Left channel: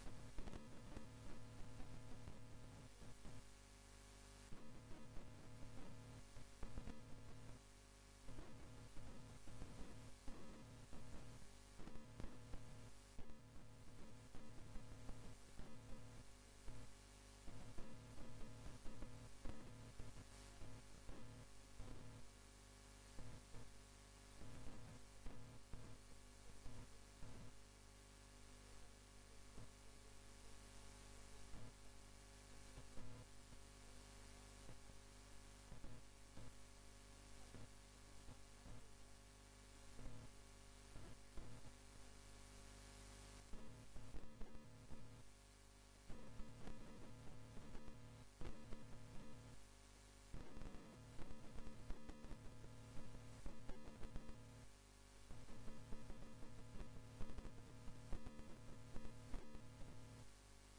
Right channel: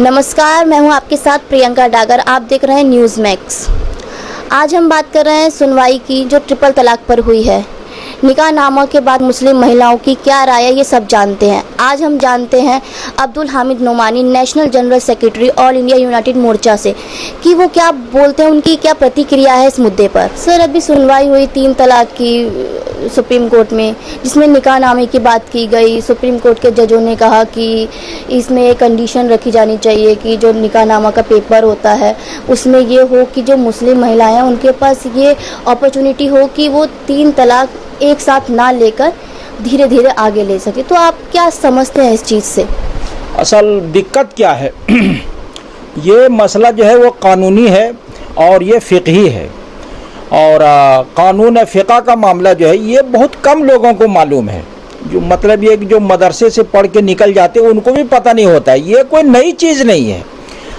नमस्कार, मैं हूं आपके साथ प्रियंका डागर। आप देख रहे हैं न्यूज़ मैक्स। आज हम बात कर रहे हैं सुनवाई की जो ट्रिपल तलाक पर हुई है। निकाहनामा के बाद मुस्लिम महिलाओं की क्या राय है, ये सब जानते हैं। आज हम जानते हैं Abdul Hamid Nomani, national general secretary all India United Morcha से, कि वो क्या बोलते हैं, उनकी क्या प्रतिक्रिया है इस मुद्दे पर। सर, अभी सुनवाई हुई 3 तलाक की सुप्रीम कोर्ट में, जिसमें निकाहनामे की बात की गई। सुप्रीम कोर्ट के जजों ने कहा कि इसमें एक कंडीशन रखी जानी चाहिए कि जो निकाहनामा का पेपर होता है उसमें ये हो कि जो मुस्लिम महिलाएं हैं उनके पास ये अपॉर्चुनिटी हो कि वो 3 तलाक एक साथ ना लेकर धीरे धीरे आगे ले सके। तो आप क्या समझते हैं इस चीज़ से? असल दिक्कत क्या है ये मसला जो है वो कानूनी है और ये फ़िक़ही है। और कानून फ़िक़ा का मामला जो है ये बहुत कम लोगों को मालूम है। जो मतलब ये जो मदरसे से पढ़ के निकल जाते हैं उनको भी पता नहीं होता है। ये कोई नई चीज़ नहीं है।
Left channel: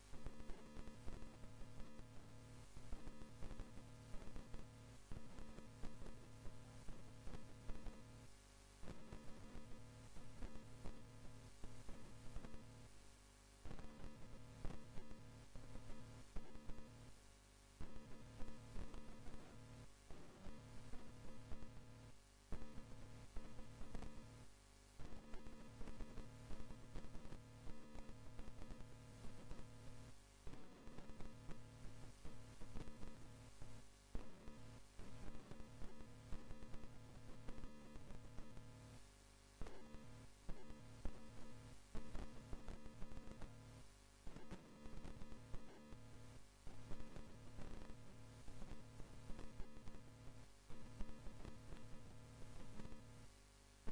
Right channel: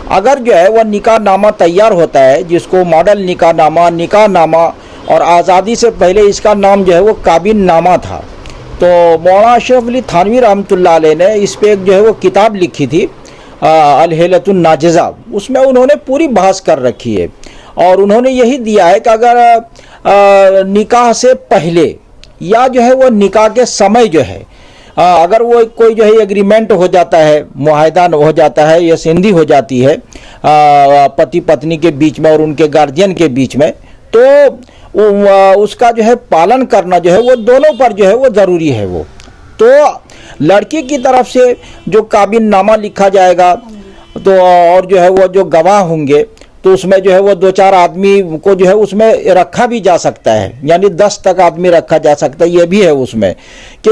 अगर जो है वह निकाहनामा तैयार होता है, जिसको मॉडल निकाहनामा और आज़ादी से पहले इसका नाम जो है वो काबिननामा था। तो मौलाना अशरफ अली थानवी रहमतुल्लाह अलैह ने इस पे एक जो है वो किताब लिखी थी, अल-हिलतुन नाजिज़ा। उसमें उन्होंने पूरी बहस कर रखी है और उन्होंने यही दिया है कि अगर निकाह से पहले या जो है वो निकाह के समय जो है अगर वो कोई जो है एग्रीमेंट हो जाता है, मुआहदा हो जाता है या संधि हो जाती है पति पत्नी के बीच में और उनके गार्जियन के बीच में, तो उसका जो है पालन करना जो है वो दोनों पर जो है वो ज़रूरी है। वो तो लड़की की तरफ से जो काबिननामा लिखा जाएगा तो और जो है वो जो गवाह होंगे तो उसमें जो है वो 2-4 आदमी को जो है उसमें रखा भी जा सकता है, यानी 10 तक आदमी रखा जा सकता है। ये भी है उसमें कि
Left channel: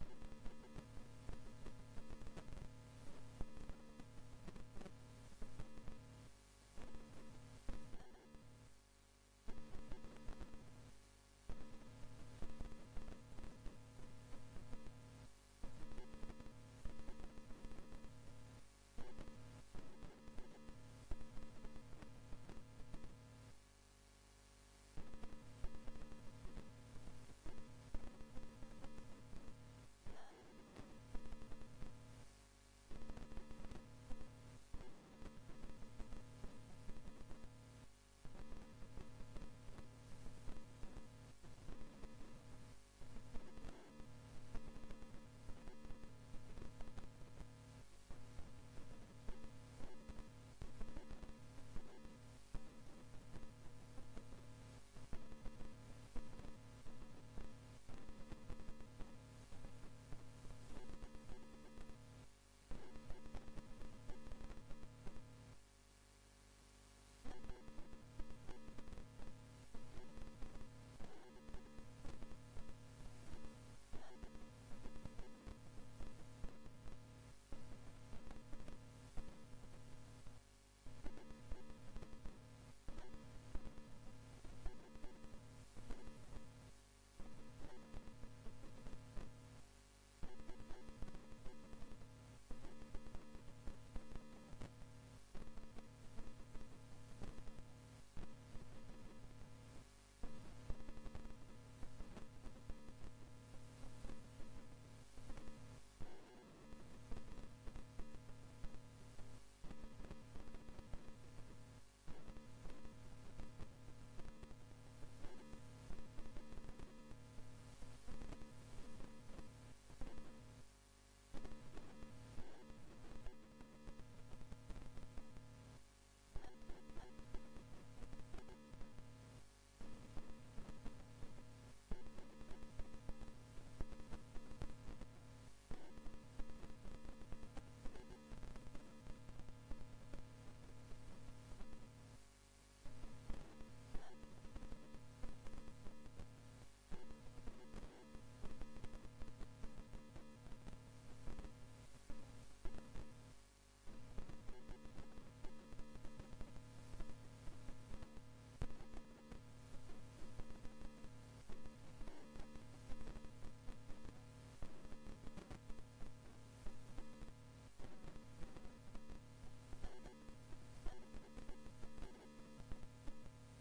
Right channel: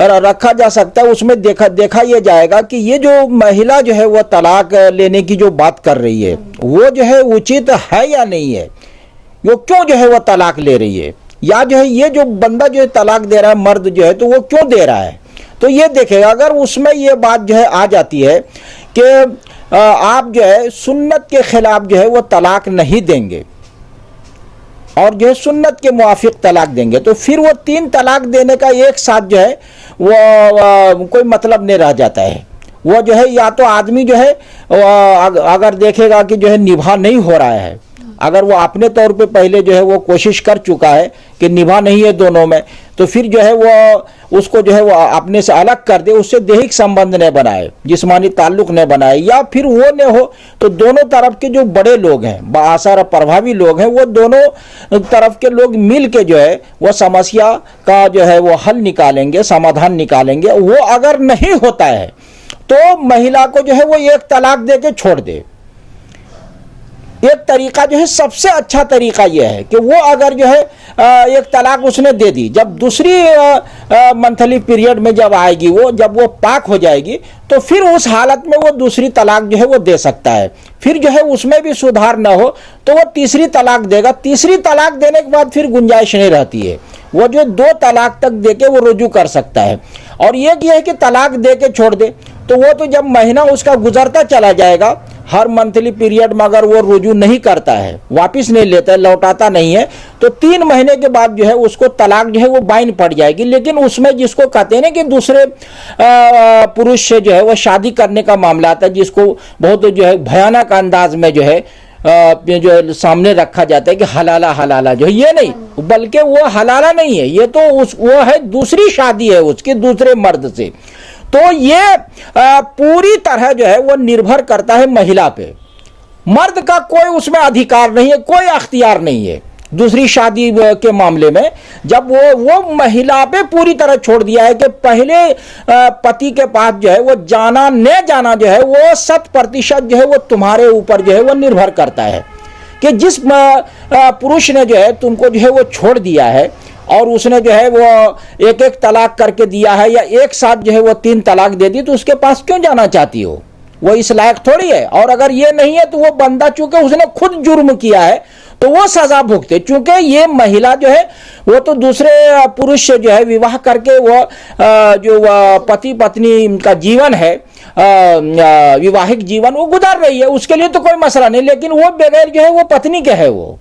रखा जा सकता है। उसमें देखा ये जाएगा कि ये जो महिला जो है वो तलाक लेने की जो बात कर रही है वो जो है उचित है या नहीं है, वो क्यों जो है वो तलाक ले रही है, या जो है ये जो बंदा जो है तलाक दे रहा है मर्द जो है तो वो क्यों दे रहा है। तो ये देखेगा। अगर उसमें ये बात जो है आ जाती है कि आप जो है सुन्नत के खिलाफ जो है वो तलाक नहीं देंगे और जो है सुन्नत के मुआफिक तलाक देंगे, तो फिर वो 3 तलाक देने का एक साथ जो है वो कोई मतलब नहीं रह जाता है। वो जो है या तो आदमी जो है अगर देखेगा कि जो है निभा नहीं हो रहा है, अगर वो अपने तौर पे पहले जो है वो कोशिश कर चुका है कि निभा नहीं है दोनों में, तो फिर जो है वो उसको जो है वो अपने से अलग कर दे, उससे दैहिक संबंध न बनाए, जिस्मानी ताल्लुक न बनाए, या फिर वो न हो तो दोनों तरफ के जो बड़े लोग हैं, बाअसर प्रभावी लोग हैं, वो दोनों तरफ के लोग मिल के जो है वो समस्या का जो है वो हल निकालेंगे, समाधान निकालेंगे। वो अगर नहीं होता है तो महिला को जो है वो एक तलाक दे के छोड़ दे। एक तरीका जो है सबसे अच्छा तरीका यह है कि वो अगर जो है एक तलाक उसने दे दी, जब दूसरी मंथली पीरियड में जब आएगी, वो जब वो पाक हो जाएगी, तो फिर उस हालत में वो दूसरी तलाक जो है वो दे सकता है। फिर जो है उसमें भी सुधार ना हो तो वो तीसरी तलाक देगा। तीसरी तलाक देने के बाद फिर गुंजाइश नहीं रहती है, वो जो 2 तलाक तक दे के वो रुजू कर सकता है। और एक ये है कि तलाक दे के छोड़ दे, तो वो तो जब महीना उसका गुजरता चला जाएगा, हर मंथली पीरियड में अगर वो रुजू नहीं करता है, वापस नहीं लेता है, लौटाता नहीं है, तो 3 महीने के बाद जो है उसको तलाक जो है वो बाइन पड़ जाएगी। लेकिन उसमें जिसको कहते हैं ना कि दूसरे पुरुष से जो है वो शादी करने का मामला आता है, जिसको बहुत जो है भयानक अंदाज में जो है जो सामने रखा जाता है कि हलाला जो है, ये नहीं, बल्कि वो हलाला नहीं है, ये तो वो है दूसरी शादी है उसकी दूसरे मर्द से। तो ये पूरी तरह जो है वो निर्भर करता है महिला पे। मर्द का कोई उसमें अधिकार नहीं है, कोई अख्तियार नहीं है दूसरी शादी के मामले में। जब वो महिला पे पूरी तरह छोड़ दिया है कि पहले पति के पास जो है वो जाना न जाना जो है वो 100% जो है वो तुम्हारे ऊपर जो है वो निर्भर करता है कि जिस पुरुष ने जो है तुमको जो है वो छोड़ दिया है और उसने जो है वो एक तलाक करके दिया है या एक साथ जो है वो 3 तलाक दे दी, तो उसके पास क्यों जाना चाहती हो? वो इस लायक थोड़ी है। और अगर ये नहीं है तो वो बंदा चूंकि उसने खुद जुर्म किया है तो वो सजा भुगते, चूंकि ये महिला जो है वो तो दूसरे पुरुष से जो है विवाह करके वो जो पति पत्नी का जीवन है, विवाहिक जीवन वो गुजार रही है, उसके लिए तो कोई मसला नहीं। लेकिन वो बगैर जो है वो पत्नी के है वो,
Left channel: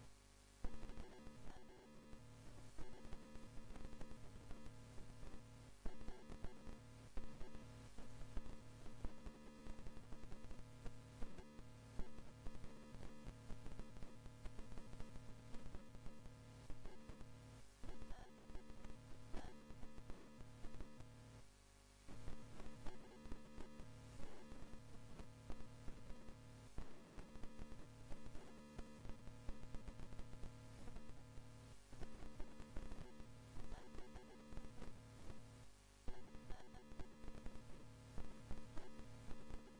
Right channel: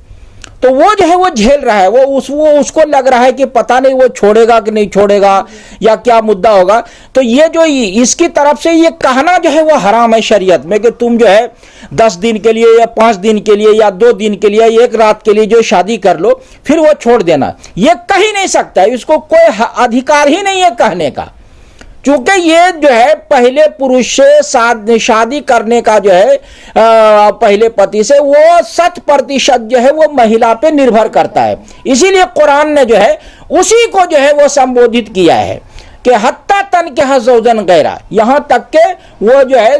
तो वो जो है वो झेल रहा है, वो उसको लग रहा है कि पता नहीं वो छोड़ेगा कि नहीं छोड़ेगा या क्या मुद्दा होगा। तो ये जो इसकी तरफ से ये कहना जो है वो हराम है शरीयत में कि तुम जो है 10 दिन के लिए या 5 दिन के लिए या 2 दिन के लिए, 1 रात के लिए जो शादी कर लो फिर वो छोड़ देना, ये कह ही नहीं सकता, इसको कोई अधिकार ही नहीं है कहने का। चूंकि ये जो है पहले पुरुष से शादी करने का जो है पहले पति से वो 100% जो है वो महिला पे निर्भर करता है। इसीलिए कुरान ने जो है उसी को जो है वो संबोधित किया है कि हत्ता तनकिहा ज़ौजन गैरा, यहां तक के वो जो है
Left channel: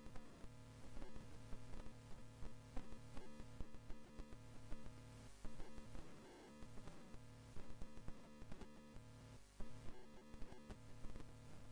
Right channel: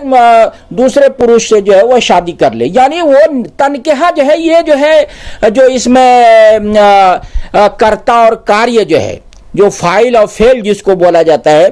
दूसरे पुरुष से जो है वो शादी कर ले। यानी वो तनकिहा जो है ये जो है जो इसमें कर्ता और कार्य जो है, जो फाइल और फेल जिसको बोला जाता है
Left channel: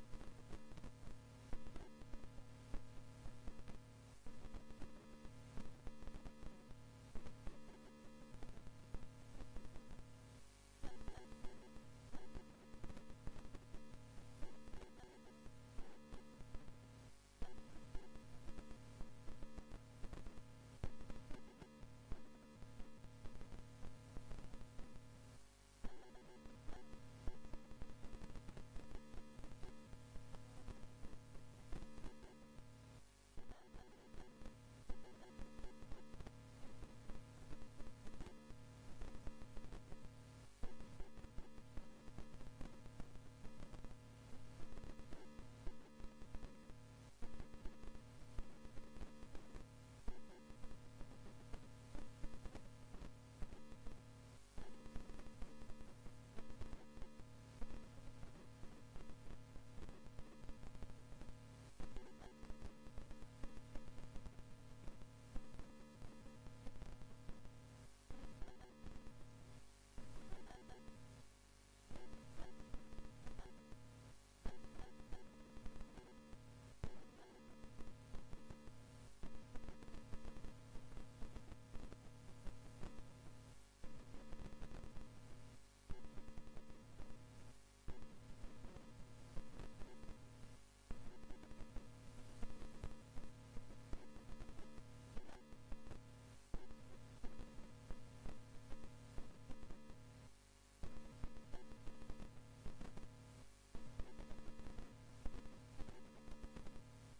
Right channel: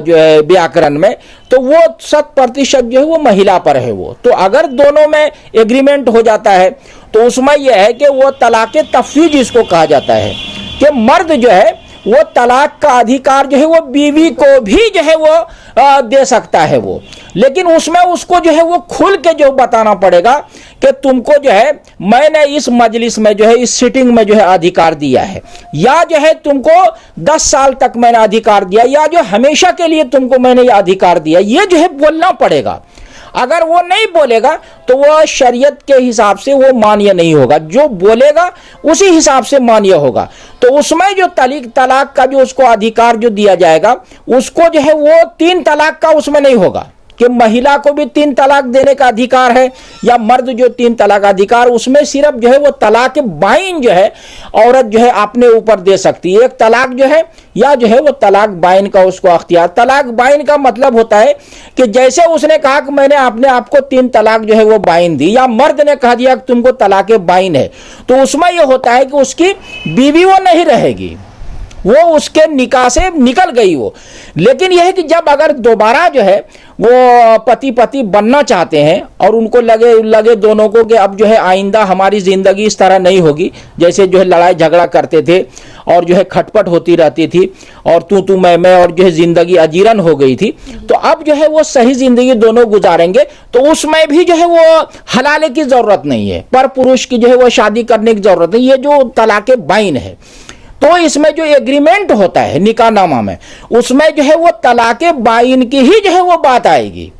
जो है व्याकरण में, तो वो 100% जो है वो महिला पर है। वो तो अगर दोनों में एग्रीमेंट हो जाता है तो उसमें यह है कि वो तलाक़ तफ़वीज़ जिसको कहा जाता है कि मर्द जो है वो तलाक का अधिकार जो है वो बीवी को भी जो है वो दे सकता है वो, लेकिन उसमें उसको जो है वो खुल के जो बताना पड़ेगा कि तुमको जो है मैंने इस मजलिस में जो है इस सिटिंग में जो है अधिकार दिया है, या जो है तुमको 10 साल तक मैंने अधिकार दिया, या जो हमेशा के लिए तुमको मैंने ये अधिकार दिया, ये जो है बोलना पड़ेगा। अगर वो नहीं बोलेगा तो वो शरीयत के हिसाब से वो मान्य नहीं होगा, जो बोलेगा उसी हिसाब से मान्य होगा। तो उसमें जो तलाक का जो उसको अधिकार जो दिया जाएगा उसको जो है वो 3 तलाक का उसमें नहीं होगा कि महिला को भी 3 तलाक देने का अधिकार है या मर्द जो 3 तलाक अधिकार, उसमें सिर्फ जो है वो तलाक बाइन जो है औरत जो है अपने ऊपर दे सकती है, 1 तलाक जो है या जो है वो तलाक बाइन का उसको अख्तियार। तलाक बाइन का मतलब होता है कि जैसे उसने कहा कि मैंने अपने आप को 3 तलाक जो है वो बाइन दी, या मर्द ने कह दिया कि तुमको तलाक बाइन है, तो उसमें यह होता है कि उसकी बीवी वो नहीं रहेगी, वो उसके निकाह से निकल गई वो। लेकिन यह है कि जब अगर दोबारा जो है वो पति बनना चाहते हैं और उनको लगे दोनों को कि अब जो है आइंदा हमारी ज़िंदगी इस तरह नहीं होगी, जैसे जो है लड़ाई झगड़ा करते थे और जो है खटपट होती रहती थी और तू मैं और जो है ज़िंदगी अजीरन हो गई थी, तो अब जो है वो सही ज़िंदगी दोनों गुजारेंगे, तो उसमें भी जो है वो हलाले की ज़रूरत नहीं है, पर पुरुष की जो है वो शादी करने की ज़रूरत नहीं। ये जो तलाक बाइन है तो इसमें जो एग्रीमेंट होता है निकाहनामा में, उसमें जो है वो तलाक बाइन की ही जो है वो बात आएगी,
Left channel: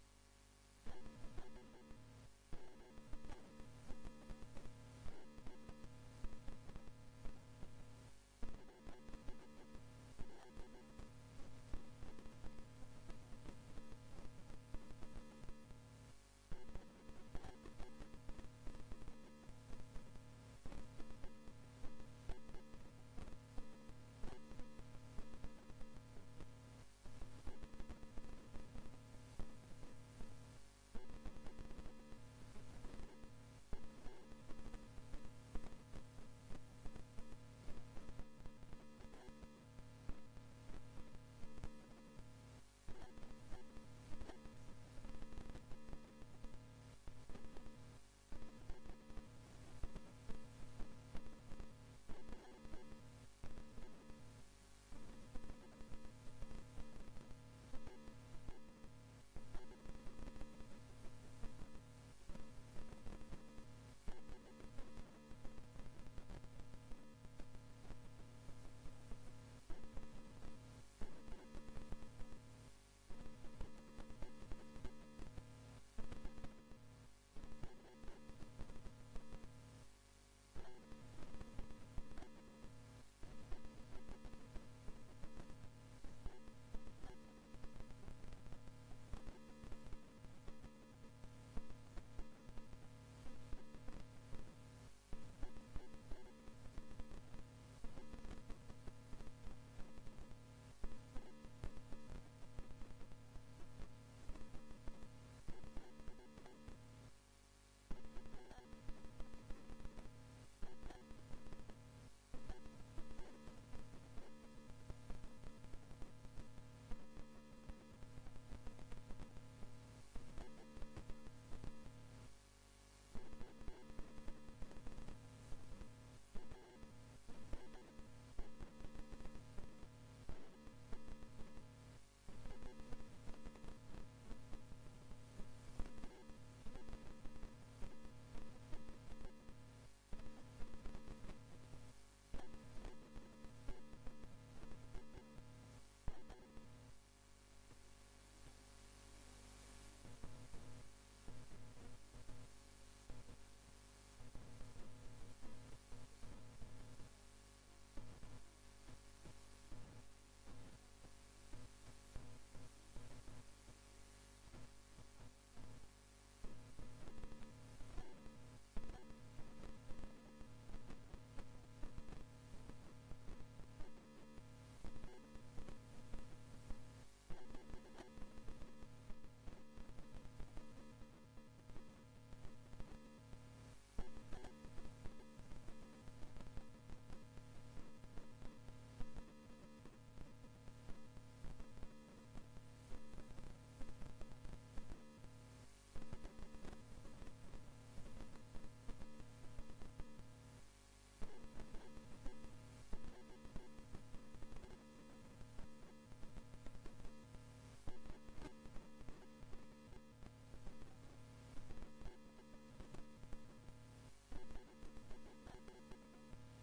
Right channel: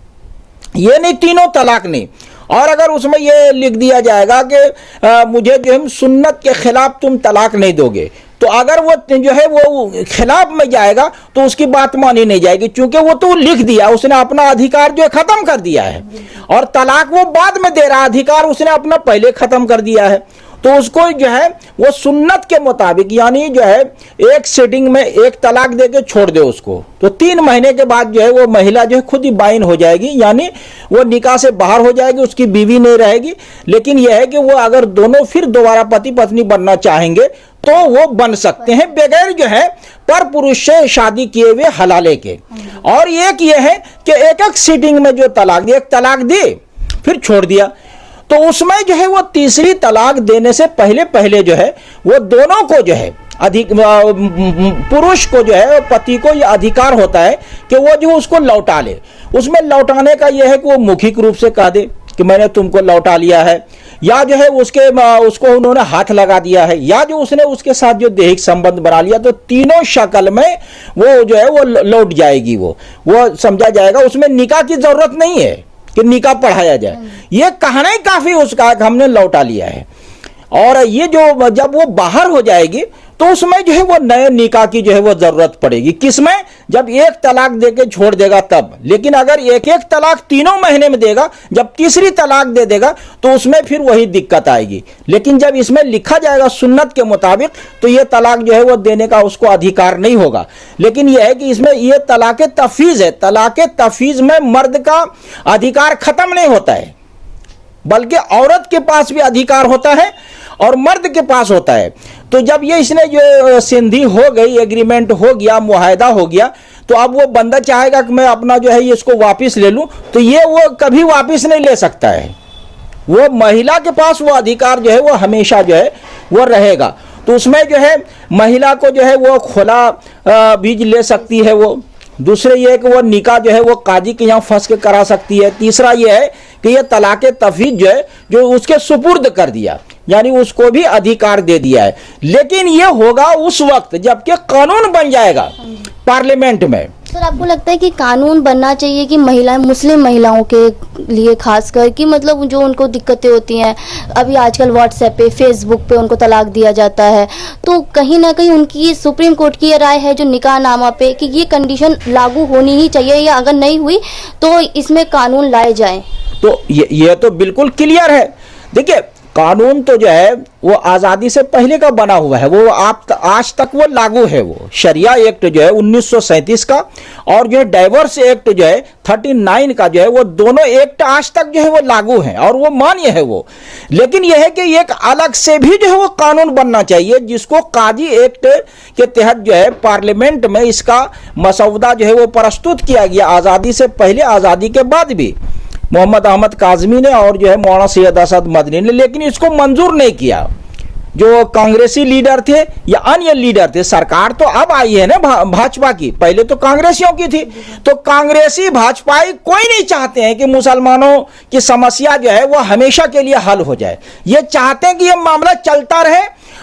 ये नहीं 3 तलाक नहीं। और अगर उसमें ये लिख दिया जाएगा कि मुझे जो है सुन्नत के खिलाफ तुम तलाक नहीं दोगे, तो अगर वो जो है वो खिलाफ में जाएगा तो उसकी बात मानी नहीं जाएगी, क्योंकि वो तो लिख दिया, उसने अपना अधिकार जो है खत्म कर दिया है, और तलाक वो बाद में दे रहा, अधिकार उसने अपना पहले खत्म कर दिया है। तो उसको जो है वो सुन्नत के मुताबिक, यानी जो है 1 सिटिंग में 1 तलाक देके छोड़ दे उसको, तो 3 महीने के बाद जो है वो महिला जो है खुद ही बाइन हो जाएगी, यानी वो निकाह से बाहर हो जाएगी, उसकी बीवी नहीं रहेगी। लेकिन यह है कि वो अगर दोनों फिर दोबारा पति पत्नी बनना चाहेंगे तो वो बन सकते हैं बगैर जो है पर पुरुष से शादी किए हुए हलाले के। और एक ये है कि 1 सिटिंग में जो तलाक दी, 1 तलाक दी फिर छोड़ दिया, तो उसमें जो है वो तीसरी तलाक देने से पहले जो है वो दोनों को जो है पुरुष को जो है पति को यह अधिकार होता है कि वो जो उसको लौटा ले। उसमें लौटाने का यह है कि वो मौखिक रूप से कह दे कि मैंने तुमको लौटा लिया है, या जो है उसको उन्होंने हाथ लगा दिया है, या जो उसने उसके साथ जो दैहिक संबंध बना लिया, तो तीनों शक्ल में वो जो है वो लौट जाएगी, वो समझा जाएगा। उसमें निकाह की जरूरत नहीं है कि निकाह पढ़ाया जाए, ये कहना ही काफी उसका हमने लौटा लिया है। और ये जो जब वो बाहर हो जाएगी तो उसमें जो है वो नए निकाह की जो है वो जरूरत पड़ेगी। किसमें? जब 1 तलाक देके छोड़ देगा तब। लेकिन अगर 1 तलाक 3 महीने में देगा, जब तीसरी तलाक दे देगा तो उसमें फिर वही दिक्कत आएगी। लेकिन जब इसमें लिखा जाएगा सुन्नत के मुताबिक तो ये तलाक जो है वो देने का उसको अधिकार नहीं होगा। लेकिन यह है कि इसमें ये तलाक तफवीज़ है, तलाक तफवीज़ में मर्द का अधिकार खत्म नहीं होता है, बल्कि औरत के पास भी अधिकार होता है और मर्द के पास होता है। तो जब ये इसने जो संधि हो गई, एग्रीमेंट हो गया, मुआहदा हो गया, तो अब वो बंदा चाहेगा कि मैं अपना जो है इसको वापस ले लूं, तो ये वो कभी वापस नहीं ले सकता है। वो महिला के पास वो अधिकार जो है वो हमेशा जो है वो रहेगा। तो उसमें जो है महिला को जो है वो खुला बीज ले सकती है। वो दूसरे ये है कि वो निकाह जो है वो काजी के यहाँ फंस के करा सकती है। तीसरा ये है कि ये तलाक तफवीज़ जो है जो उसके सुपुर्द कर दिया यानी उसको भी अधिकार दे दिया है। लेकिन ये होगा उस वक्त जबकि कानून बन जाएगा पार्लियामेंट में। सर, आपको लगता है कि कानून बनना चाहिए कि महिलाएं, मुस्लिम महिलाओं के लिए खासकर, कि मतलब जो उनको दिक्कतें होती हैं, अभी आजकल व्हाट्सएप पे, फेसबुक पे उनको तलाक दिया जाता है, तो कहीं ना कहीं उनकी सुप्रीम कोर्ट की ये राय है जो निकाहनामा पे कि ये कंडीशन लागू होनी ही चाहिए, या अगर नहीं हुई तो इसमें कानून लाए जाएं। तो ये तो बिल्कुल क्लियर है। देखिए, कानून तो जो है वो आज़ादी से पहले का बना हुआ है, वो आज तक वो लागू है। वो शरिया एक्ट जो है 1937 का और जो है डाइवर्स एक्ट जो है 39 का जो है, वो दोनों एक्ट आज तक जो है वो लागू हैं और वो मान्य है वो। लेकिन यह है कि एक अलग से भी जो है वो कानून बनना चाहिए जिसको काजी एक्ट के तहत जो है पार्लियामेंट में इसका मसौदा जो है वो प्रस्तुत किया गया, आज़ादी से पहले, आज़ादी के बाद भी मोहम्मद अहमद काज़मी ने और जो है मौलाना सैयद असद मदनी ने, लेकिन इसको मंजूर नहीं किया। जो कांग्रेसी लीडर थे या अन्य लीडर थे, सरकार तो अब आई है ना भाजपा की, पहले तो कांग्रेसियों की थी, तो कांग्रेसी भाजपाई कोई नहीं चाहते हैं कि मुसलमानों की समस्या जो है वो हमेशा के लिए हल हो जाए। ये चाहते हैं कि ये मामला चलता रहे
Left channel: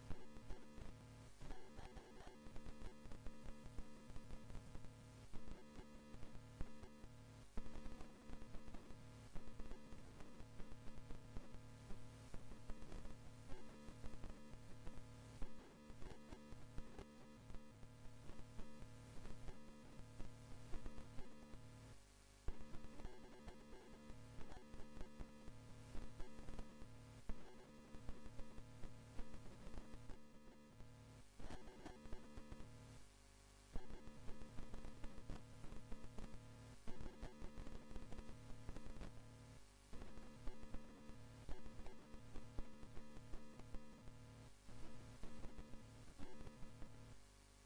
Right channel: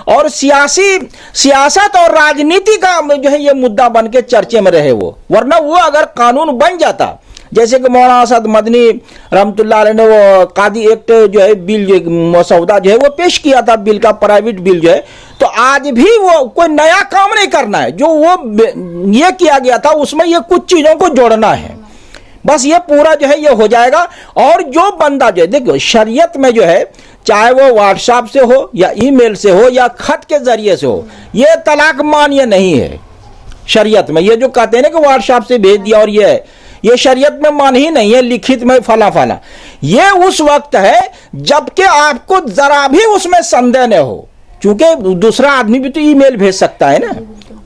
और सियासत और राजनीति का जो है ये मुद्दा बन के चर्चे में रहे वो। वरना वो अगर कानून बन जाता, जैसे कि मौलाना असद मदनी रहमतुल्लाह अलैह ने वो कादी एक्ट जो है बिल, जो मसौदा जो है वो पेश किया था, बिल का प्राइवेट बिल जो है, तो आज भी वो कोई नया काम नहीं करना है, जो वो ये किया गया था उसमें ये कुछ चीजों को जोड़ना है, बस ये पूरा जो है ये हो जाएगा। और जो बंदा जो है, देखो शरीयत में जो है, चाहे वो व्हाट्सएप से हो या ईमेल से हो या खत के जरिए से हो, ये तलाक मान्य नहीं है शरीयत में। ये जो कहते हैं ना कि व्हाट्सएप से भेज दिया और ये शरीयत में मान ही नहीं है, लिखित में फला फला। ये उस वक्त है जबकि आपको जरा भी उसमें संदेह न हो, क्योंकि दूसरा आदमी भी तो ईमेल भेज सकता है ना,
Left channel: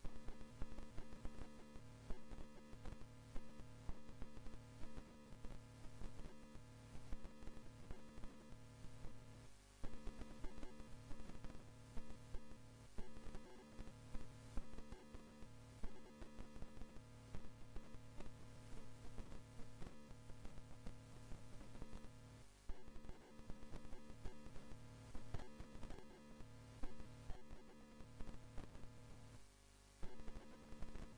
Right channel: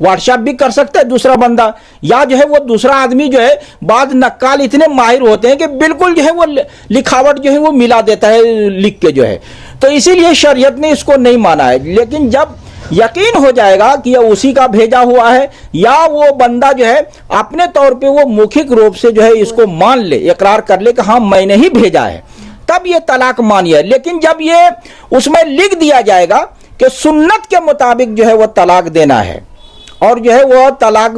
व्हाट्सएप भी कर सकता है दूसरा बंदा, या जो है वो दूसरा आदमी जो है, बाद नक्काल इतने माहिर होते हैं कि बिल्कुल जो है वो लिखावट जो है वो मिला देता है लिख के जो है। तो इसीलिए शरीयत ने इसको नहीं माना है। लेकिन जब यकीन हो जाएगा कि यह उसी का भेजा हुआ है, या वो बंदा जो है अपने तौर पे वो मौखिक रूप से जो है इसको मान ले, इकरार कर ले कि हाँ मैंने ही भेजा है, तब ये तलाक मान्य है। लेकिन जब ये उसमें लिख दिया जाएगा कि सुन्नत के मुताबिक जो है वो तलाक देना है और जो है वो तलाक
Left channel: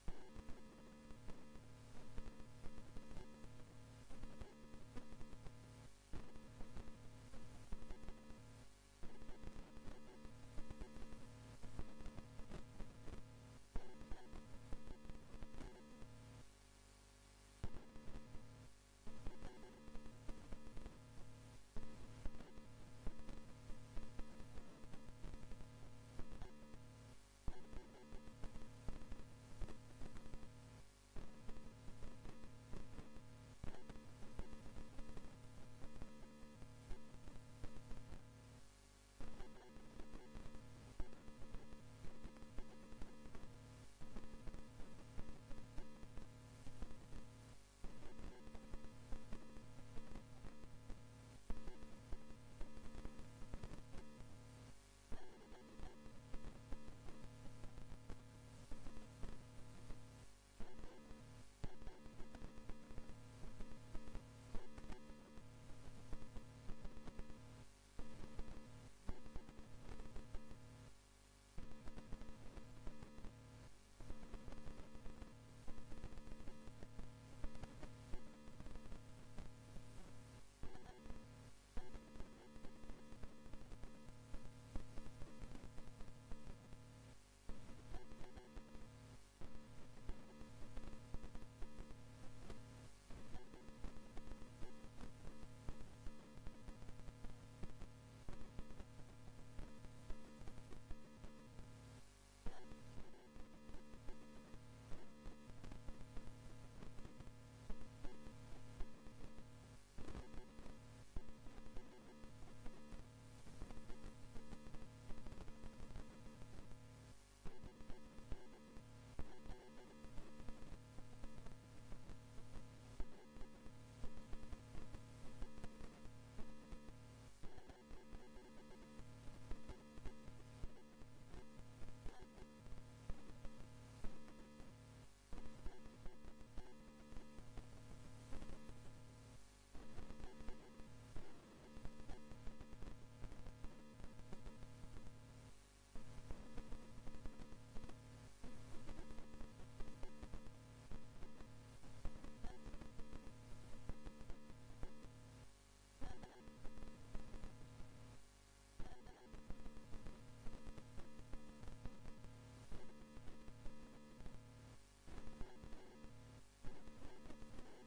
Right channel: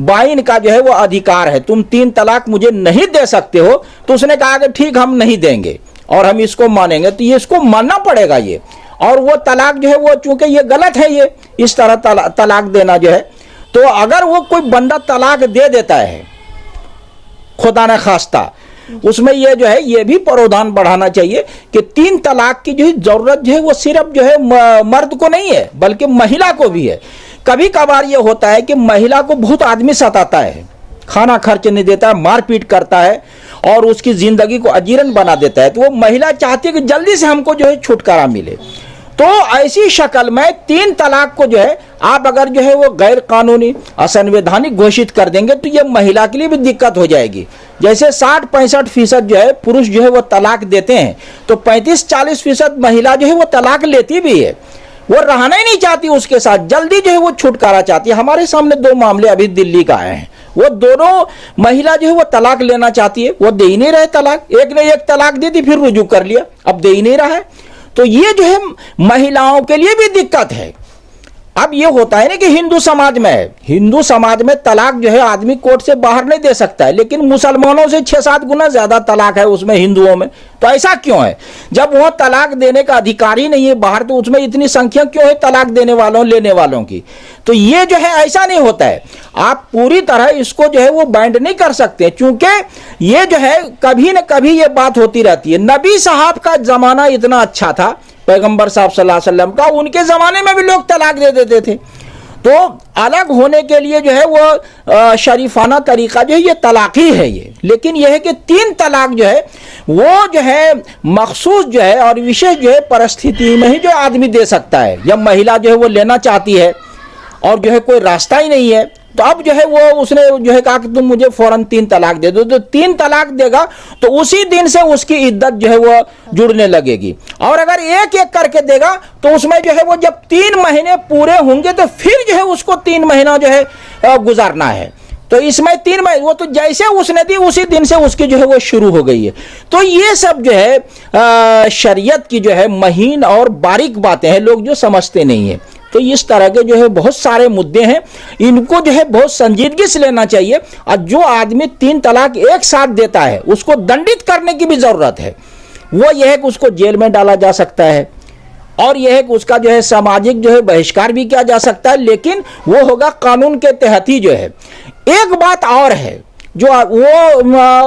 बाइन का जो है वो अधिकार है, तुम 3 तलाक मुझे नहीं दे सकते हो, तो उसने कहा कि ठीक हम नहीं देंगे और हम इसको मानेंगे, तो ये इसको मानना पड़ेगा ये। और वो तलाक जो है वो चूंकि ये गलत है, ये इस तरह तलाक देना जो है, तो अगर वो कोई बंदा तलाक दे देता है खुदा न खास्ता, उसमें ये जो है ये भी प्रावधान बढ़ाना चाहिए कि 3 तलाक की जो जरूरत जो है वो सिर्फ जो है मर्द को नहीं है बल्कि महिला को भी है। कभी कभार ये होता है कि महिला को बहुत आदमी सताता है, खाना खर्च नहीं देता है, मारपीट करता है और उसकी जिंदगी को अजीरन बना देता है, तो वो महिला चाहती है कि जल्दी से हमको जो है छुटकारा मिले। तो ऐसी शक्ल में 3 तलाक को जो है आप अगर जो है वो गैर कानूनी असंवैधानिक घोषित कर देंगे तो ये महिला के लिए भी दिक्कत हो जाएगी। जैसे 60-65% जो है पुरुष जो है वो तलाक देते हैं, तो 35-40% महिला जो है वो तलाक लेती भी है, वो रहना ही नहीं चाहती उसके साथ, जल्दी जो है वो छुटकारा चाहती है। हमारे सामने 2 मामले अभी दिल्ली का आए हैं, वो दोनों महिला जो है वो तलाक लेना चाहती है, वो दे ही नहीं रहे तलाक, एक ने 1 तलाक दी थी फिर रुजू कर लिया, अब दे ही नहीं रहा है। तो ये जो है महिलाओं के लिए भी दिक्कत है। अब ये होता है ना कि हिंदू समाज में है, हिंदू समाज में तलाक जो है आदमी कोर्ट से बाहर नहीं दे सकता है, लेकिन मुसलमानों से 6-7 गुना ज्यादा तलाक है उसमें हिंदुओं में। तो ऐसा क्यों है? जब वह तलाक देने का अधिकार ही नहीं है बाहर, तो उसमें इतनी संख्या क्यों है तलाक देने वालों लेने वालों की? तो ये जो है ऐसा नहीं होता है, आप पूरी तरह इसको जो है वो बैंड नहीं कर सकते, क्योंकि ये जो है कभी न कभी ये बात होती रहती है। नबी साहब का जमाना इतना अच्छा था, पैगंबर साहब सल्लल्लाहु अलैहि वसल्लम का, उनके ज़माने में भी लोग तलाक दे देते थे। तो अलग होने के लिए जो है वो शरीफाना तरीका जो है ये तलाक ही है ये। लेकिन यह है कि 3 तलाक जो है वो जो है मखसूस जो है और विशेष जो है परिस्थिति में ही जो आदमी दे सकता है, या महिला जो है वो लेना चाहती है और जो है कोई रास्ता ही नहीं है, तो अब जो है वो उसने जो है कहा कि तुम मुझे फौरन 3 तलाक दे दो, तो 3 तलाक देगा तो उसी दिन से उसकी इद्दत जो है वो जुड़ने लगेगी। और अगर एक करके देगा तो उसमें जो है वो जब 3 महीने पूरे होंगे तो फिर जो है उसको 3 महीना जो है गुजारना है। तो इसमें 3 महीने, वो तो जैसे उसने दी उसी दिन से उसकी जो है वो शुरू हो गई है। तो ये सब जो है शरीयत की जो है महीन और बारीक बातें हैं, लोग जो समझते नहीं है। तो इस तरह के जो है बहुत सारे मुद्दे हैं, इनको जो है बहुत संजीदगी से लेना चाहिए। और जो आदमी 3 तलाक एक साथ देता है उसको दंडित करने की भी जरूरत है। वो यह है कि उसको जेल में डाला जा सकता है, और यह है कि उसका जो है सामाजिक जो है बहिष्कार भी किया जा सकता है, लेकिन वो होगा कानून के तहत ही जो है। एक बात और है जो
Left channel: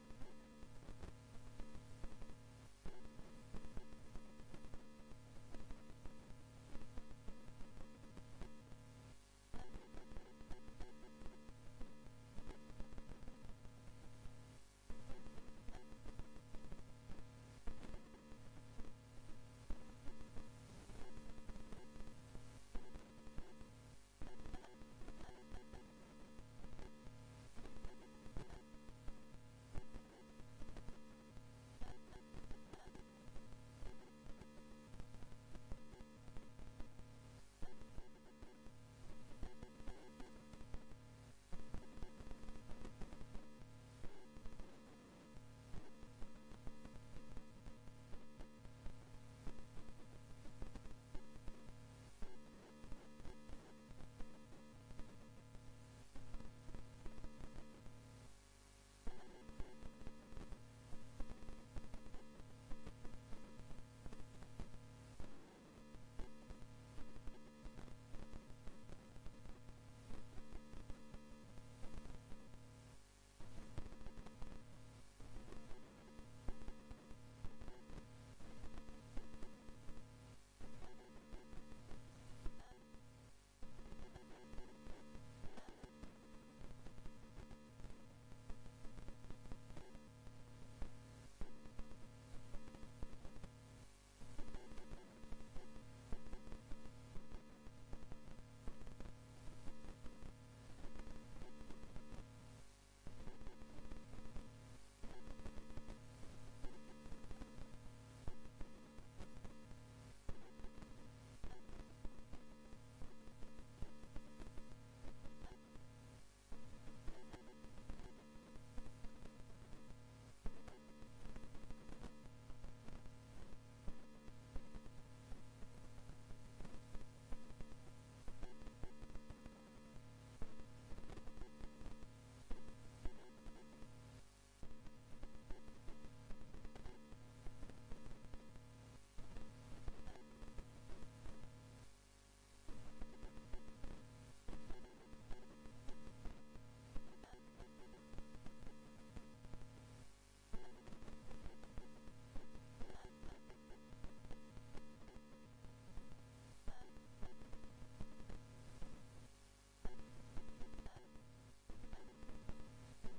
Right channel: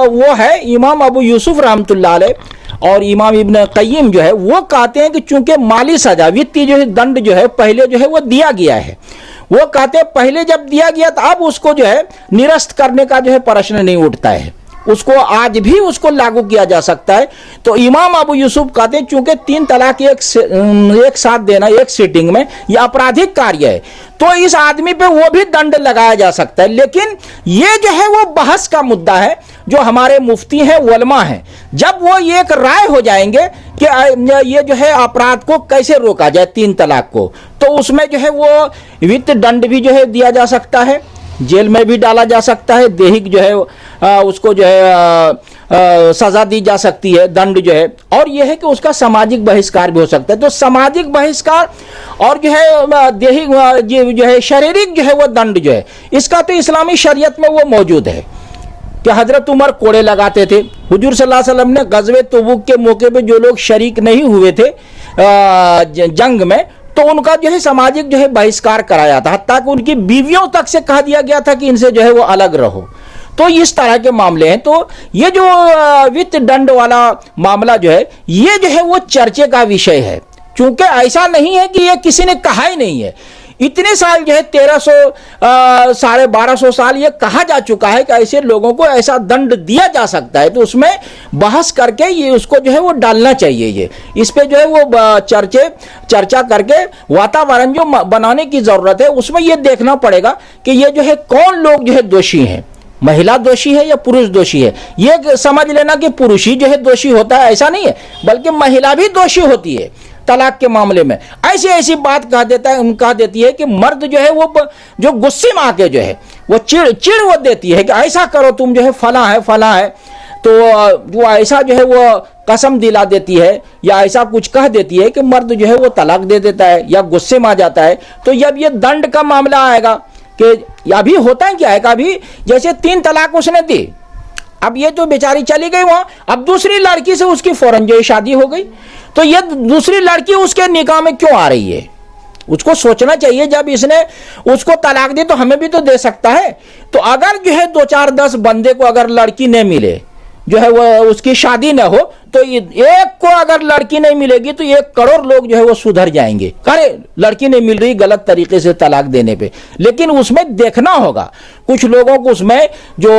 वो है इमाम अबू यूसुफ रहमतुल्लाह अलैह और इमाम इब्न क़य्यिम जो है वो कहते हैं कि चूंकि माली सजा, वित्तीय जो है दंड जो है पहले जो है वो दिया गया है, वो कहते हैं पहले जब दिया गया तो अब उसको जो है निरस्त करने का जो है प्रश्न नहीं उठता है, उसको आज भी उसको लागू किया जा सकता है। तो इमाम अबू यूसुफ कहते हैं चूंकि 3 तलाक एक साथ देना एक सीटिंग में यह आपराधिक कार्य है, तो इस आदमी पे वो भी दंड लगाया जा सकता है। लेकिन ये जो है वो बहस का मुद्दा है, जो हमारे मुफ्ती हैं, उलमा हैं, जब वो एक राय हो जाएंगे कि ये जो है अपराध को कैसे रोका जाए 3 तलाक को, तो उसमें जो है वो वित्त दंड भी जो है दिया जा सकता है, जेल में भी डाला जा सकता है, दैहिक जो है उसको जो है सजा दी जा सकती है, दंड जो है, और यह है कि उसका सामाजिक बहिष्कार भी हो सकता है। तो सामाजिक बहिष्कार और जो है दैहिक जो है शारीरिक जो है वो दंड जो है, इसका तो इस्लामी शरीयत में वो मौजूद है कि हजरत उमर कोड़े लगाते थे। हुजूर सल्लल्लाहु अलैहि वसल्लम ने गज़वे तबूक के मौके पे जो लोग शरीक नहीं हुए थे जंग में, तो उनका जो है सामाजिक जो है बहिष्कार कराया था, हत्ता कि उनकी बीवियों तक से कह दिया गया था कि इनसे जो है वो अलग रहो। तो इस तरह के मामले हैं। तो ये जो वित्त दंड वाला मामला जो है ये जो है वो चर्चे का विषय है, क्योंकि ऐसा नहीं है कि ये किसी ने कहा ही नहीं है। इतने साल जो है 1300 1250 साल ये कहा जा चुका है कि ऐसे लोगों को ऐसा दंड दिया जा सकता है, तो उसमें बहस करके ये उसको जो है वो डालना चाहिए। ये इस पे जो है वो चर्चा करके वातावरण जो बनाने की जरूरत है, उसमें ये देखना पड़ेगा कि ये जो है कौन लोग जो है दोषी हैं, महिला दोषी है या पुरुष दोषी है। ये समझ लेना कि पुरुष ही जो है दोषी होता है ऐसा नहीं है, बल्कि महिला भी दोषी होती है तलाक के मामले में। ऐसी बात कह देती है कि मर्द जो है वो जो गुस्से में आके जो है वो चिड़ वो देती है कि ऐसा करो तुम जो है फला है, तो वो ऐसा जो है वो कसम दिला देती है या ऐसा कुछ कह देती है कि मर्द जो है वो तलाक दे देता है या गुस्से में आ जाता है। तो जब ये दंड का मामला आएगा कि अभी होता है क्या है कि अभी जैसे 3 तलाक उसने दी, अब ये जो बेचारी चली गई वहां, अब दूसरी लड़की से उसकी फौरन जो शादी हो गई, तो ये दूसरी लड़की उसके निकाह में क्यों आ रही है? उसको सोचना चाहिए, जब इसने उसको तलाक दी तो हमें भी तो दे सकता है। तो अगर जो है 2 4 10 बंदे को अगर लड़की नहीं मिले, जो है वो उसकी शादी न हो, तो एक को अगर लड़की नहीं मिलेगी तो 1 करोड़ लोग जो है वो सुधर जाएंगे। अरे लड़की नहीं मिल रही गलत तरीके से तलाक देने पे, लेकिन उसमें देखना होगा कुछ लोगों को, उसमें जो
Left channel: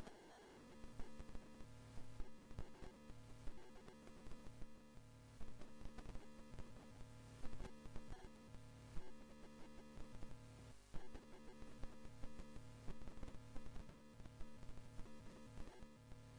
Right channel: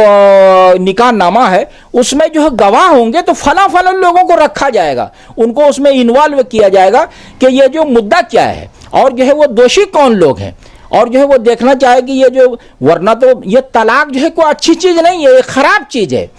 निकाह नामा है उसमें जो है गवाह होंगे, तो फला लोगों को रखा जाएगा, उनको उसमें इन्वॉल्व किया जाएगा कि ये जो मुद्दा क्या है और जो है वो दोषी कौन लोग हैं, और जो है वो देखना चाहे कि ये जो, वरना तो ये तलाक जो है कोई अच्छी चीज नहीं है, ये खराब चीज है।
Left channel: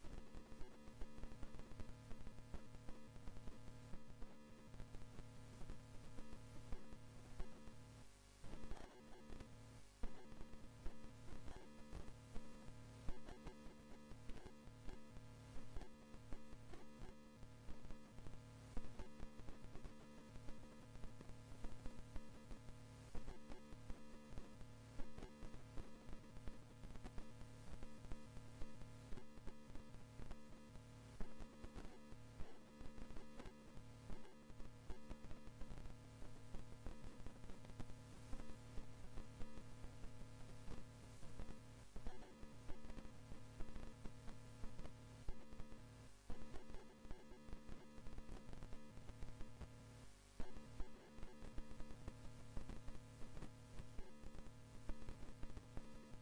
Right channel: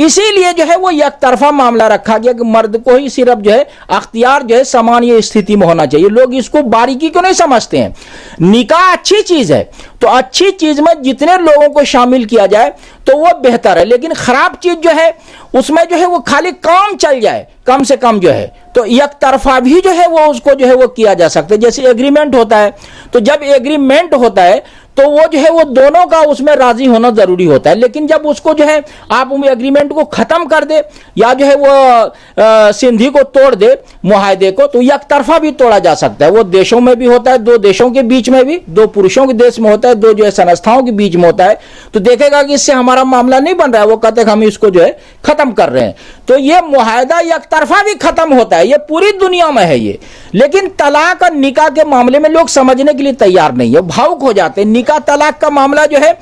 इसीलिए जो है वो एक तरफा मामला रखा गया कि मर्द को ही सिर्फ जो है अख्तियार जो है सामान्य स्थिति में होना चाहिए। लोग इसको बारीकी क्यों नहीं समझते हैं। निकाह अच्छी चीज है, तो अच्छी चीज में जितने लोगों को शामिल किया जाए तो वो बेहतर है, लेकिन खराब चीज जो है उसमें जो है वो खाली काम चल जाए कम से कम जो है, तो एक तरफा भी जो है वो उसको जो है वो किया जा सकता है। जैसे एग्रीमेंट होता है, तो जब एग्रीमेंट होता है तो वो जो है वो दोनों का उसमें राजी होना जरूरी होता है, लेकिन जब उसको जो है आप एग्रीमेंट को खत्म कर दे या जो है वो संधि को तोड़ दे, मुआहदे को, तो एक तरफा भी तोड़ा जा सकता है। वो देशों में भी होता है, 2 देशों के बीच में भी, 2 पुरुषों के देश में होता है, 2 जो है संस्थाओं के बीच में होता है। तो देखेगा कि इससे हमारा मामला नहीं बन रहा है, वो कहते हैं हम इसको जो है खत्म कर रहे हैं। तो ये मुआहदा एक तरफा भी खत्म होता है, ये पूरी दुनिया में है ये। लेकिन तलाक और निकाह के मामले में लोग समझने के लिए तैयार नहीं है, भावुक हो जाते हैं। निकाह तलाक का मामला जो है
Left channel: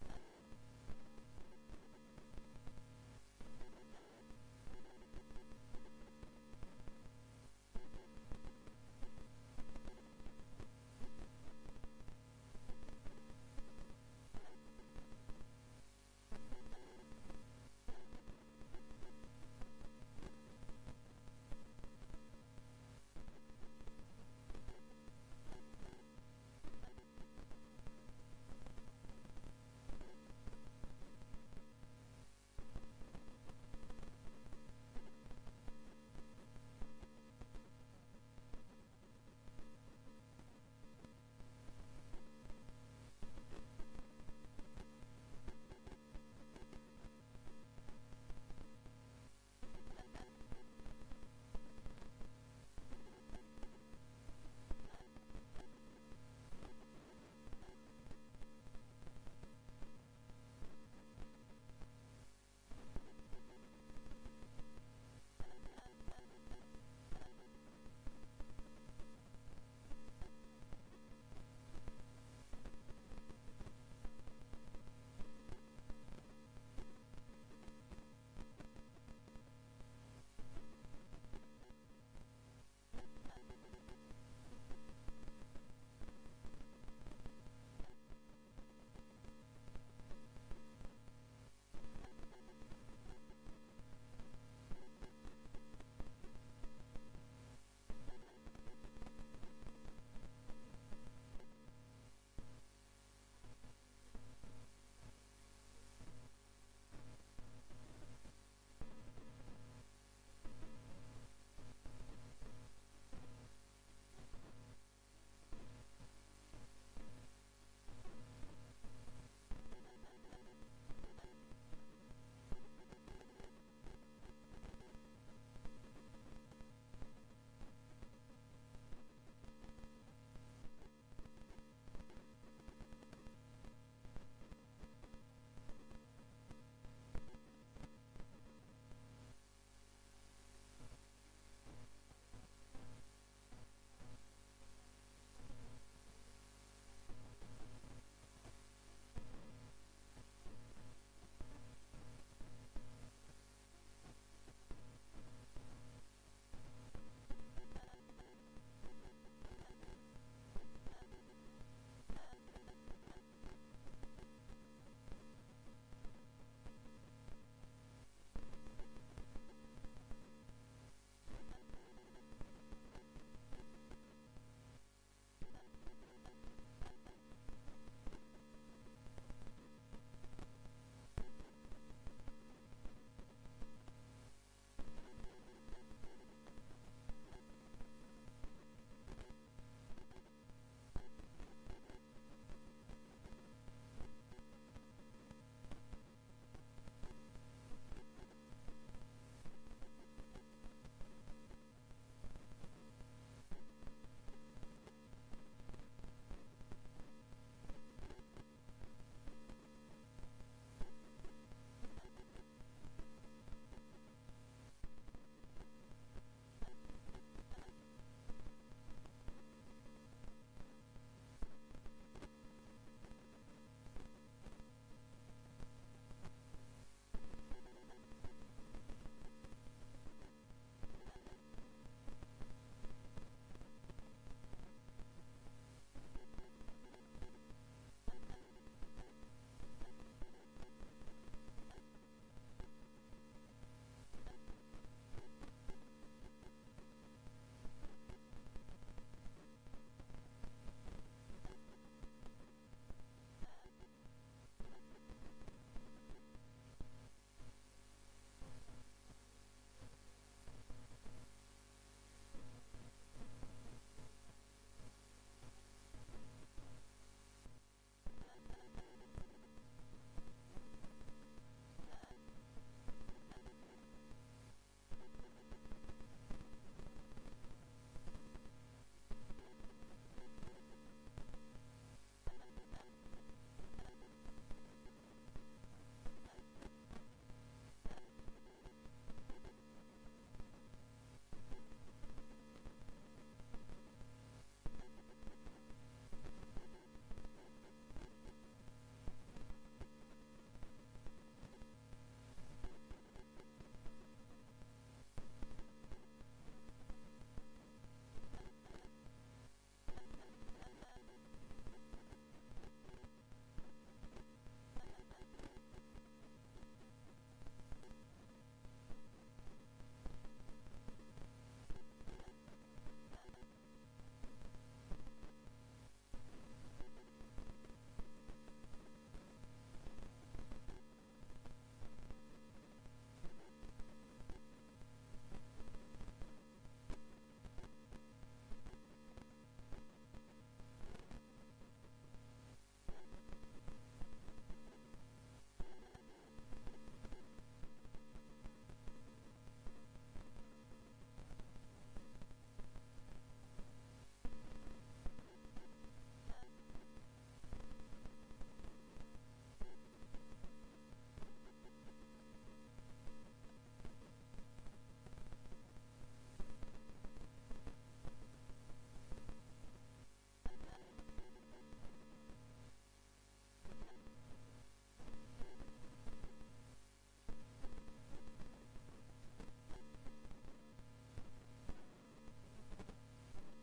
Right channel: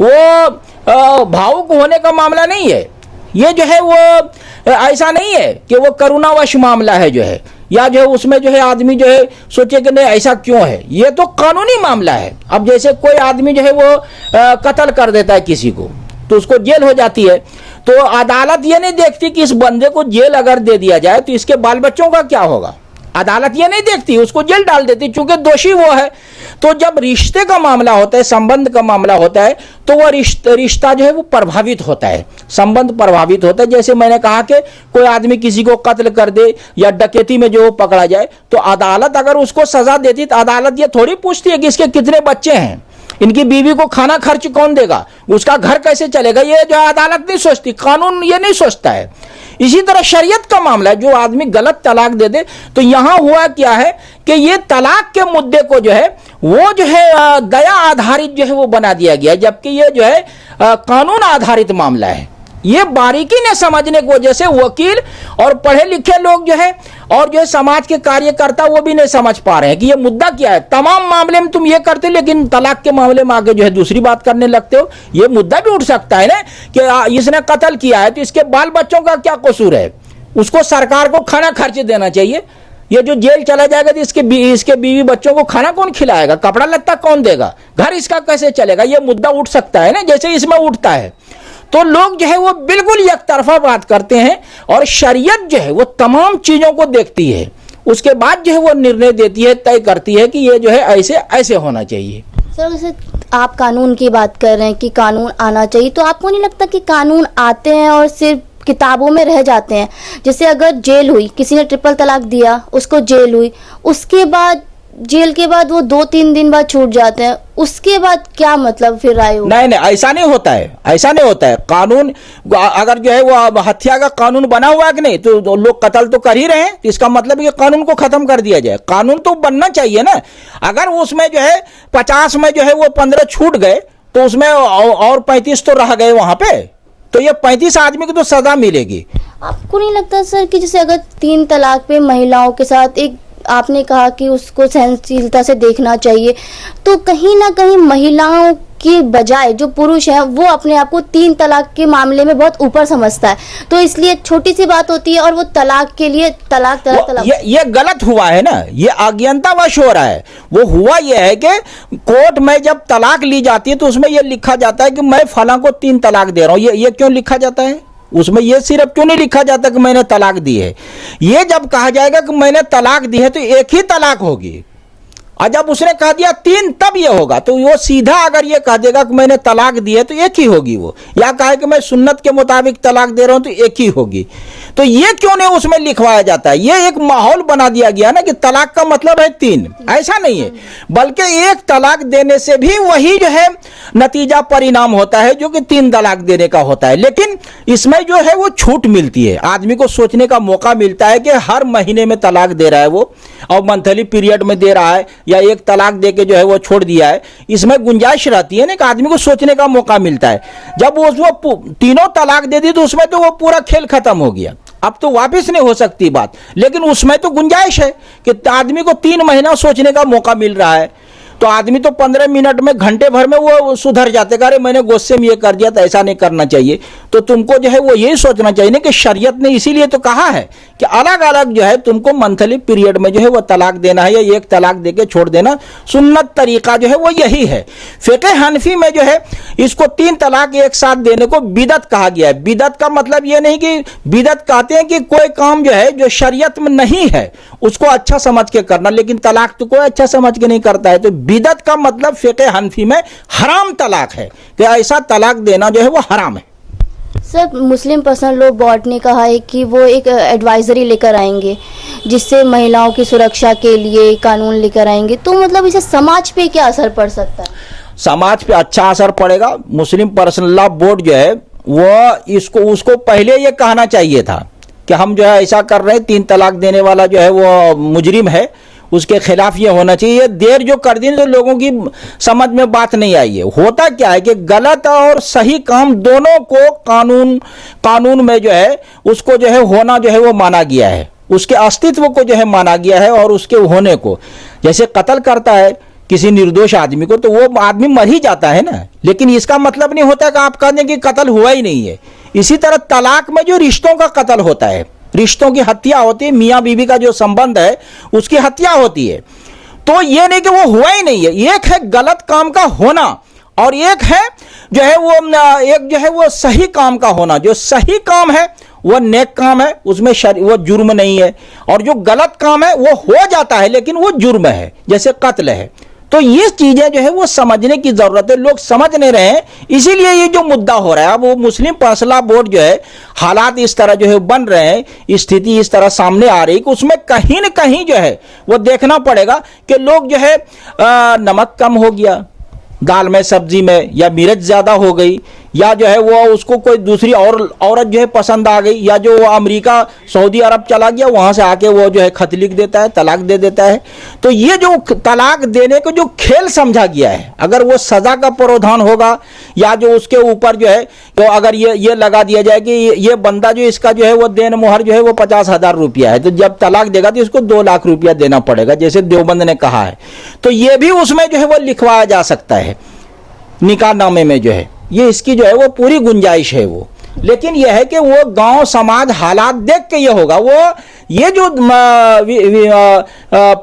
वो भावुक होने का मामला नहीं है, ये जो है वो ऐसा नहीं है कि वो करुणावश मामला है जो है, या जो है उसमें जो है आदमी जो है सोचे कि नहीं ऐसा क्यों है। ये तो कानूनी मामला है। अब जैसे कोई आदमी जो है वो कत्ल कर देता है किसी को, तो उसको जेल हो जाती है, तो अदालत ये नहीं देखती कि इस बंदे को जेल अगर दे दिया जाए तो इसके बाल बच्चों का क्या होगा। अदालत ये नहीं देखती, उसको जेल डाल देती क्योंकि दोषी वो है। तो जब रिश्ते का मामला होता है, संबंध का मामला होता है, तो वह रिश्ता जो है वो प्रभावित होता है, संबंध प्रभावित होता है। जैसे मैंने कहा कि कोई आदमी किसी को कत्ल कर दे या डकैती में जो पकड़ा जाए, तो अदालत अगर उसको सजा देती तो अदालत ये थोड़ी पूछती है कि इसके कितने बच्चे हैं, इनकी बीवी को खाना खर्च कौन देगा, उसका घर कैसे चलेगा। ये जो अदालत नहीं सोचती, कानून ये नहीं सोचता है। इसी तरह शरीयत का मामला है, जो आदमी गलत तलाक दे दे, तो यहां हुआ क्या है कि ये तलाक के मुद्दे को जो है वो जो है दया आधारित जो है वो बना दिया गया, जबकि ये जो है कानून आधारित मामला है। ये बारीकी ने समझने की वजह से वकील और पढ़े लिखे लोग जो है और जो है समाज के कार्यकर्ता वो भी नहीं समझ पा रहे हैं कि ये मुद्दा क्या है। तमाम मामले में तुम ये करते हो, लेकिन तलाक के मामले में आगे जो है दूसरी बात करने लगते हो। ये मुद्दा भी उठ सकता है ना कि इसने कत्ल किया है तो इसके बाल बच्चों का क्या कसूर है, उसको सरकार को खाना खर्च देना चाहिए। ये जो जेल चला जाएगा तो इसके बीवी बच्चों को खाना कौन खिलाएगा, कपड़ा लत्ता कौन देगा, घर इसका कैसे चलेगा, ये मुद्दा उठ सकता है ना, जैसे इसमें उठता है। तो लोग जो है वो बिल्कुल एक तरफा बात करते हैं और शरीयत जो है वो तमाम चीजों को देखती है, उसके बाद जो है वो निर्णय देती है, तय करती है कि ये जो है ऐसे ऐसे होना चाहिए। सर जैसे आप कानून की बात कर रहे हैं कि कानून आना चाहिए, तो आपको नहीं लगता कि कानून आते हैं और सिर्फ किताबों में रह जाते हैं? जैसे अगर जेल हुई, किसी ने ट्रिपल तलाक दिया, उसको जेल हुई, उसके बाद जेल के बाद वो 2-3 दिन बाद छूट जाते हैं, उसके बाद क्या मतलब फिर राय हो? नहीं, ऐसा नहीं होता है, ऐसा नहीं होता है। कानून अगर जो है वो हत्या का कानून बना हुआ है कि नहीं, तो लोग कत्ल तो कर ही रहे हैं, तो इसका मतलब ये कानून को खत्म कर दिया जाए। कानून तो बनना चाहिए ना। अगर उसमें जो है 50 में जो है वो 15 छूट गए, तो उसमें और 35 तो रह गए वहां पे, तो ये 35 आदमी को तो सजा मिलेगी। आपको नहीं लगता सर कि जैसे अगर 3 तलाक पे महिलाओं के साथ, एक आपने कहा कि उसको सहनशीलता से देखना चाहिए, तो कहीं ना कहीं महिलाओं की बजाय जो पुरुष है वो अपने आप को 3 तलाक के मामले में बहुत ऊपर समझता है, तो इसलिए छोटी सी बात होती है और वो तलाक के लिए तलाक। ये गलत हुआ है ना, ये अज्ञानतावश हो रहा है। वो हुआ ये है कि कोर्ट में जब तलाक ली जाती है तो उसमें ये लिखा जाता है कि मैं फलां को 3 तलाक दे रहा हूं। ये क्यों लिखा जाता है? उसमें यह सिर्फ क्यों नहीं लिखा जाता कि मैंने तलाक दी है। ये जब कहा जाएगा कि मैंने तलाक दी है तो एक ही तलाक होगी, और जब उसने कह दिया 3 तब ये होगा। तो वो सीधा अगर ये कह देगा कि मैंने तलाक दी है तो एक ही होगी वो, या कहे कि मैं सुन्नत के मुताबिक तलाक दे रहा हूं तो एक ही होगी। तो ये क्यों नहीं उसमें लिखवाया जाता है? ये एक माहौल बना दिया गया ना कि तलाक का मतलब है 3। ऐसा नहीं है, बल्कि एक तलाक देने से भी वही जो है नतीजा परिणाम होता है जो कि 3 तलाक देने का होता है। लेकिन इसमें जो है वो छूट मिलती है, आदमी को सोचने का मौका मिलता है कि हर महीने में तलाक दे रहा है वो, और मंथली पीरियड में दे रहा है, या एक तलाक दे के जो है वो छोड़ दिया है। इसमें गुंजाइश रहती है ना कि आदमी को सोचने का मौका मिलता है। जब वो 3 तलाक दे दी तो उसमें तो वो पूरा खेल खत्म हो गया, अब तो वापस नहीं हो सकती बात। लेकिन उसमें तो गुंजाइश है कि आदमी को 3 महीना सोचने का मौका मिल रहा है, तो आदमी तो 15 मिनट में, घंटे भर में वो सुधर जाते। अरे मैंने गुस्से में ये कर दिया, तो ऐसा नहीं करना चाहिए। तो तुमको जो है वो यही सोचना चाहिए ना कि शरीयत ने इसीलिए तो कहा है कि अलग अलग जो है तुमको मंथली पीरियड में जो है वो तलाक देना है, या एक तलाक देके छोड़ देना। सुन्नत तरीका जो है वो यही है। फिक़े हनफी में जो है इसको 3 तलाक एक साथ देने को बिदअत कहा गया है। बिदअत का मतलब ये नहीं कि, बिदअत कहते हैं कि कोई काम जो है जो शरीयत में नहीं है उसको अच्छा समझ के करना, लेकिन तलाक तो कोई अच्छा समझ के नहीं करता है। तो बिदअत का मतलब फिक़े हनफी में हराम तलाक है, कि ऐसा तलाक देना जो है वो हराम है। सर मुस्लिम पर्सनल लॉ बोर्ड ने कहा है कि वो एक एडवाइजरी लेकर आएंगे जिससे महिलाओं की सुरक्षा के लिए कानून लेकर आएंगे, तो मतलब इसे समाज पे क्या असर पड़ सकता है? समाज पे अच्छा असर पड़ेगा। मुस्लिम पर्सनल लॉ बोर्ड जो है वो उसको पहले ये कहना चाहिए था कि हम जो है ऐसा कर रहे हैं, 3 तलाक देने वाला जो है वो मुजरिम है, उसके खिलाफ ये होना चाहिए। देर जो कर दी तो लोगों की समझ में बात नहीं आई है। होता क्या है कि गलत और सही काम दोनों को कानून में जो है उसको जो है होना जो है वो माना गया है, उसके अस्तित्व को जो है माना गया है, और उसके होने को। जैसे कत्ल करता है किसी निर्दोष आदमी को तो वो आदमी मर ही जाता है ना, लेकिन इसका मतलब नहीं होता कि आप कह दें कि कत्ल हुआ ही नहीं है। इसी तरह तलाक में जो रिश्तों का कत्ल होता है, रिश्तों की हत्या होती है, मियाँ बीवी का जो संबंध है उसकी हत्या होती है, तो ये नहीं कि वो हुआ ही नहीं है। एक है गलत काम का होना, और एक है जो है वो सही काम का होना। जो सही काम है वो नेक काम है, उसमें वो जुर्म नहीं है। और जो गलत काम है वो हो जाता है लेकिन वो जुर्म है, जैसे कत्ल है। तो ये चीजें जो है वो समझने की जरूरत है, लोग समझ नहीं रहे हैं, इसीलिए ये जो मुद्दा हो रहा है। अब वो मुस्लिम फैसला बोर्ड जो है, हालात इस तरह जो है बन रहे हैं, स्थिति इस तरह सामने आ रही कि उसमें कहीं न कहीं जो है वो देखना पड़ेगा कि लोग जो है नमक कम हो गया दाल में, सब्जी में, या मिर्च ज्यादा हो गई, या जो है वो उसको कोई दूसरी औरत जो है पसंद आ गई, या जो वो अमेरिका सऊदी अरब चला गया, वहां से आके वो जो है खत लिख देता है, तलाक दे देता है। तो ये जो तलाक देने को जो खेल समझा गया है, अगर वो सजा का प्रावधान होगा, या जो उसके ऊपर जो है तो अगर ये लगा दिया जाए कि ये बंदा जो इसका जो है वो देन मोहर जो है वो 50,000 रुपया है, तो जब तलाक देगा तो इसको 2 लाख रुपया देना पड़ेगा, जैसे देवबंद ने कहा है। तो ये भी उसमें जो है वो लिखवाया जा सकता है निकाहनामे में, जो है ये इसकी जो है वो पूरी गुंजाइश है वो। लेकिन यह है कि वो गांव समाज हालात देख के ये होगा। वो ये जो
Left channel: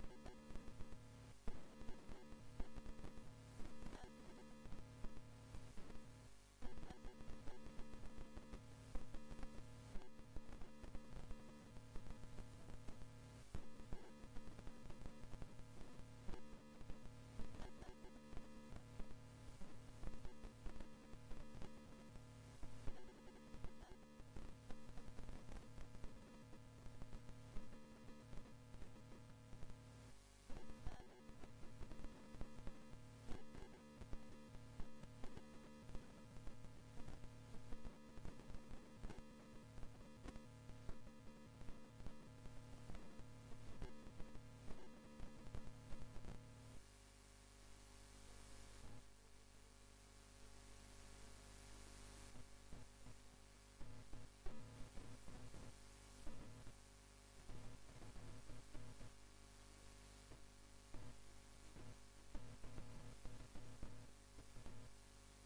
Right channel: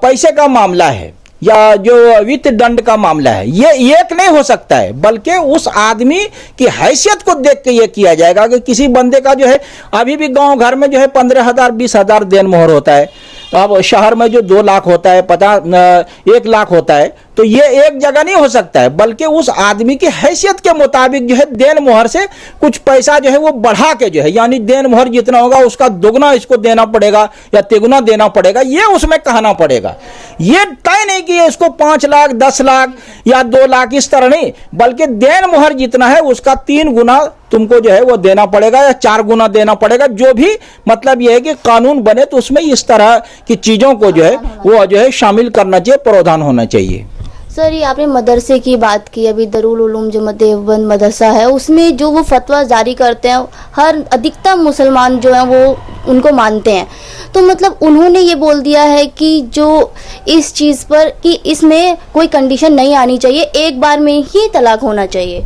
पैसे का मामला है या जो वित्त दंड का मामला है, ये एक नहीं हो सकता है, बल्कि उस आदमी की हैसियत को देख के ये किया जाएगा कि किसी बंदे का जो है अभी भी गांव घर में जो है 15,000 20,000 देन मोहर होता है, अब शहर में जो 2 लाख होता है, 1 लाख होता है, तो ये एक जगह नहीं हो सकता है, बल्कि उस आदमी की हैसियत के मुताबिक जो है देन मोहर से कुछ पैसा जो है वो बढ़ा के जो है, यानी देन मोहर जितना होगा उसका दुगना इसको देना पड़ेगा या तिगुना देना पड़ेगा, ये उसमें कहना पड़ेगा। ये तय नहीं कि इसको 5 लाख 10 लाख या 2 लाख इस तरह नहीं, बल्कि देन मोहर जितना है उसका 3 गुना तुमको जो है वो देना पड़ेगा या 4 गुना देना पड़ेगा। जो भी मतलब ये है कि कानून बने तो उसमें इस तरह की चीजों को जो है वो जो है शामिल करना चाहिए, प्रावधान होना चाहिए। सर, ये आपने मदरसे की बात की, अभी दारुल उलूम जमात देवबंद मदरसा है, उसमें जो वो फतवा जारी करते हैं, हर अधिकतर मुसलमान जो हैं वो उनको मानते हैं। तो मतलब उन्होंने ये बोल दिया है कि जो इस चीज़ पर कि इसमें कोई कंडीशन नहीं आनी चाहिए, एक बार में ही तलाक होना चाहिए।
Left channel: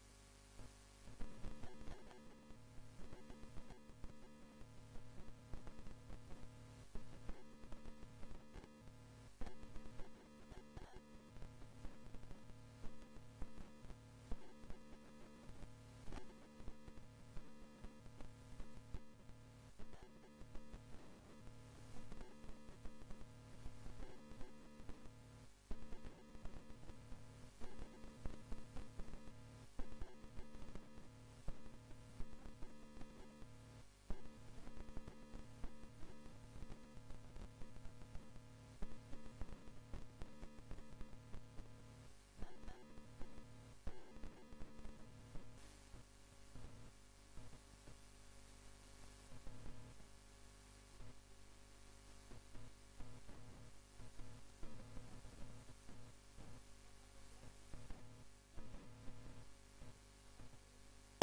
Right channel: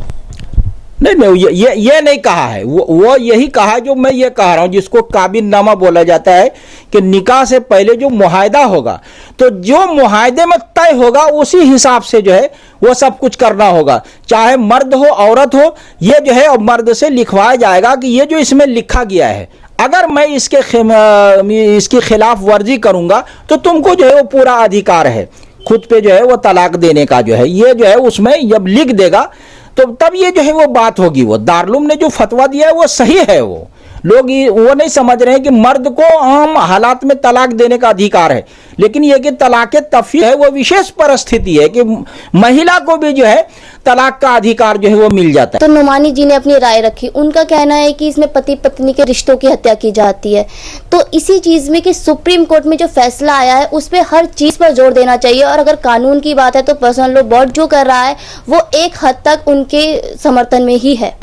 नहीं, ये नहीं कहा है, वो यही कहा है जो मैं ये कह रहा हूँ, जिसको काबिलनामा बोला जाता है कि निकाह से पहले जो मुआहदा होगा, तो जो मुआहदे में तय होगा उसी हिसाब से जो है वो सब कुछ करना होगा, चाहे मर्द हो औरत हो। ये जो है मर्द से लिखवाया जाएगा कि ये जो इसमें लिखा गया है, अगर मैं इसकी खिलाफ वर्जी करूंगा तो तुमको जो है वो पूरा अधिकार है खुद पे जो है वो तलाक देने का, जो है ये जो है उसमें जब लिख देगा तो तब ये जो है वो बात होगी। वो दारुल ने जो फतवा दिया है वो सही है। वो लोग वो नहीं समझ रहे हैं कि मर्द को आम हालात में तलाक देने का अधिकार है, लेकिन ये कि तलाक तफरीक है वो विशेष परिस्थिति है कि महिला को भी जो है तलाक का अधिकार जो है वो मिल जाता है। तो नुमानी जी ने अपनी राय रखी, उनका कहना है कि इसमें पति पत्नी के रिश्तों की हत्या की जाती है। तो इसी चीज में कि सुप्रीम कोर्ट में जो फैसला आया है उस पर हर चीज पर जोर देना चाहिए, और अगर कानून की बात है तो पर्सनल लॉ बोर्ड जो कर रहा है वो एक हद तक उनके समर्थन में ही है।